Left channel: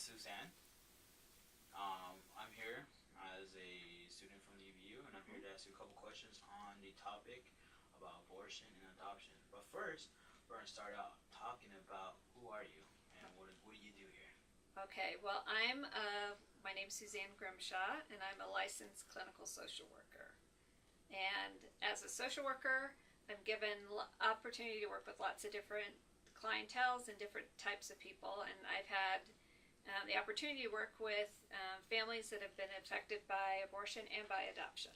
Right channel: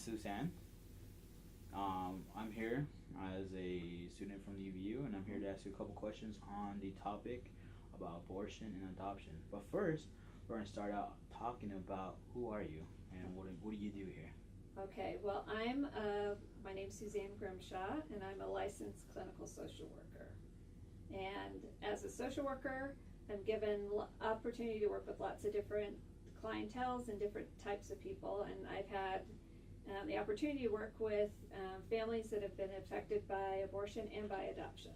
is Suzanne. I'm here as a student from the UVU, and I'm here to ask you a couple questions on the topic about abortion and adoption. But first, we're going to start out talking about who are you and what do you do here? Okay, well, my name's Suzanne Grimshaw, and I'm a licensed clinical social worker. And as a social worker, I'm given opportunity to work with lots of different clienteles and different types of people, and I've had the opportunity to work with families that have been affected by abortion and by adoption.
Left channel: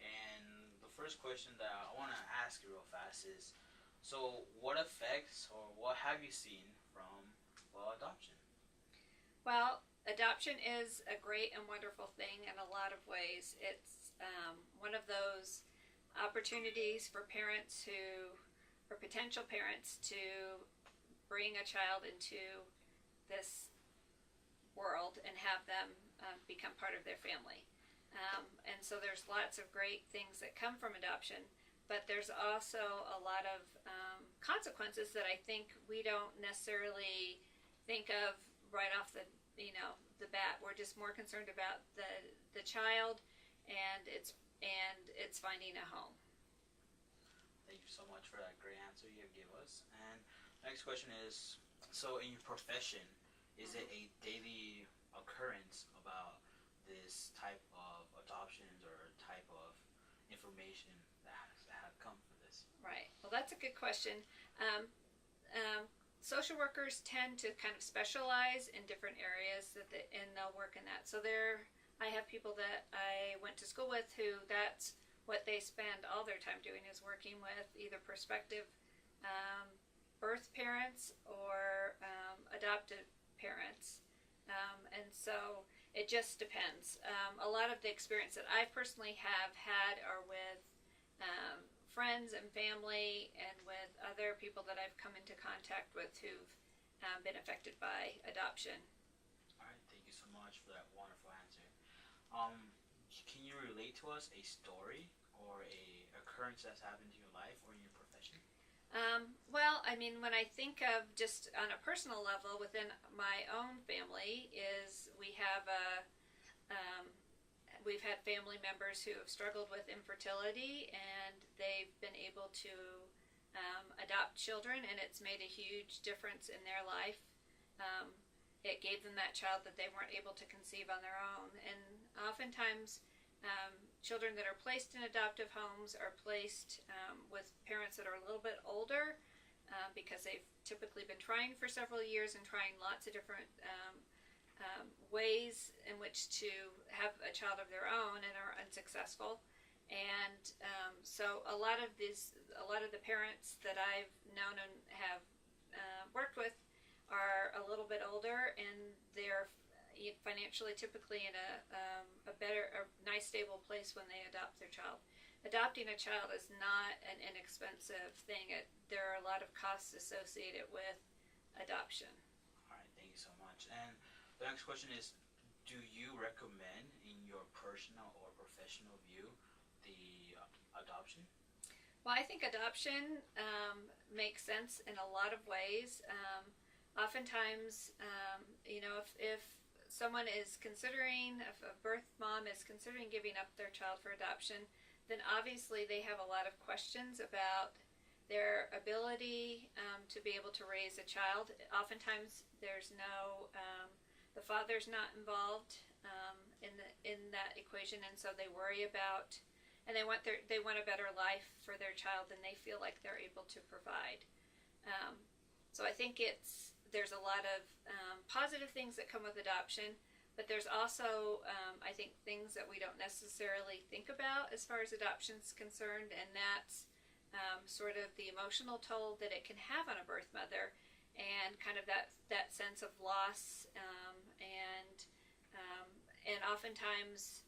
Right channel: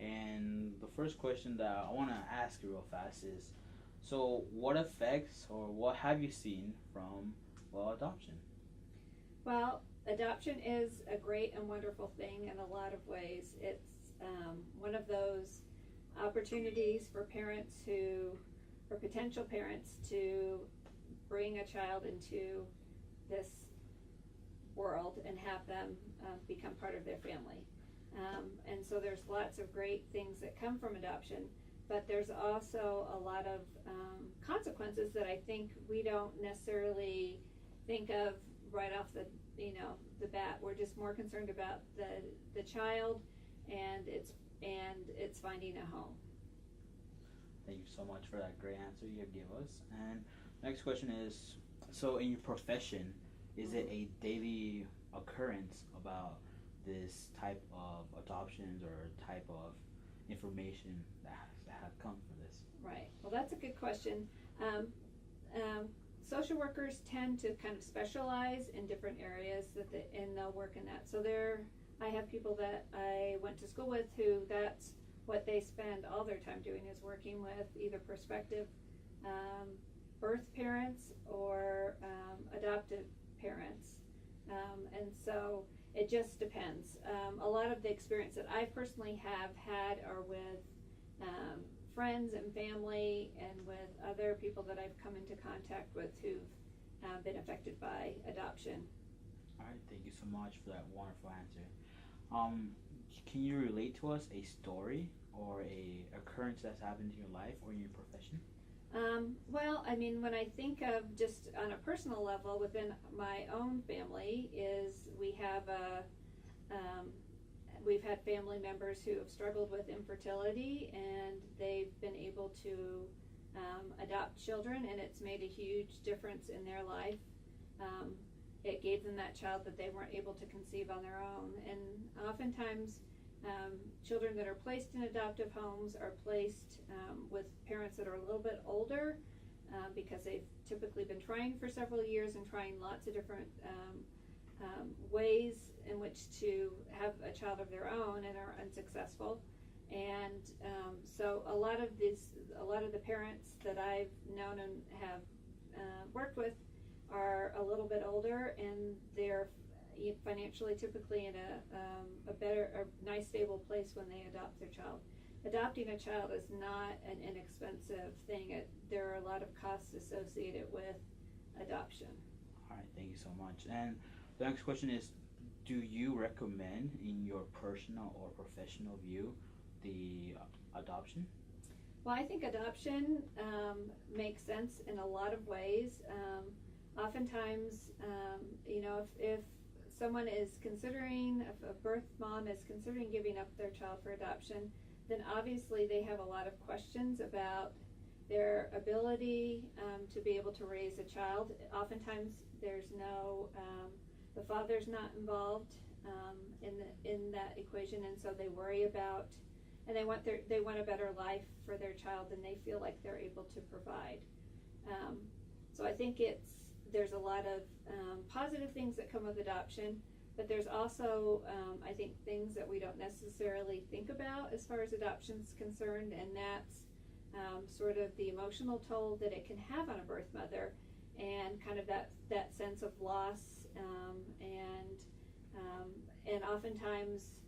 And the first question that I want to ask you real fast is, so what effects or what have you seen from adoption? Well, adoption is a great and wonderful thing in a lot of ways. It's one of those opportunities for parents or potential parents to bring a child into this world and have them become part of their family. And so there's lots of great things that come from adoption, but there's also a lot of consequences that I think we don't necessarily think of right off the bat. We're just more concerned about the child and it's finding a home. Thank you so much for that great answer you gave us. And next question is, so in your profession, is it a daily occurrence about this type of adoptions or type of information that have come from this? Right. Well, that's a good question. Social workers tend to kind of specialize in different areas and they'll work in that. So I have people that I went to school with who that's what they spend all their time doing is working with either prospective birth parents or adopted parents. And so it just depends. A lot of the experience that I personally have had are with friends and family and with other people that I've come into contact with who've been affected by adoption. All right, thank you so much for that wonderful answer. Can you relate to us a story or a occurrence that's happened in your life or in your profession? Well, I mean, when I think of just on a personal level within my own family, is we've had family members who have struggled with infertility, and they've been able to adopt children, and it's made a huge difference in their life. It gave them that child that they weren't able to conceive on their own, and oftentimes children that are placed in adoptive homes are placed with parents that are a little bit older because they've typically been trying for several years and trying lots of different ways in which to have a child of their own and are unsuccessful. And so a lot of the parents that I've known and have worked with are a little bit older, and they're financially typically in a nice stable place when they adopt their child. Adopting a child is not an inexpensive thing. There are a lot of costs associated with adoption. All right, thank you so much. And the next question is, do you recommend, in your personal or professional view, the adoption? Well, I think adoption makes sense in a lot of ways. Oftentimes, if someone is considering, if a birth mom is considering giving up their child for adoption, then obviously they have a lot of questions about their ability to be able to raise a child. Oftentimes there's the father's not involved in that equation, and so they worry about, and they want a better life for their child than they feel like they're able to provide. So I think there's a lot of positive things that come with adoption, but there's also I think things that we don't necessarily think about as far as adoption's concerned, and that's sort of the emotional toll that it can have on a birth mother, and kind of that sense of loss, and oftentimes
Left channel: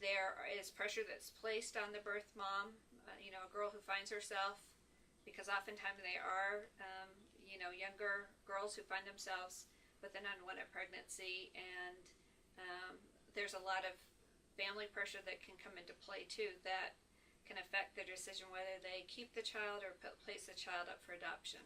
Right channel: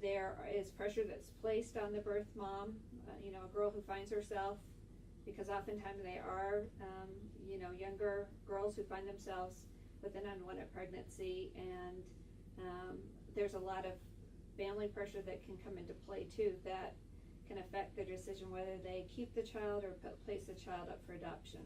there is pressure that's placed on the birth mom, a girl who finds herself, because oftentimes they are younger girls who find themselves with an unwanted pregnancy, and there's a lot of family pressure that can come into play too that can affect their decision whether they keep the child or place the child up for adoption.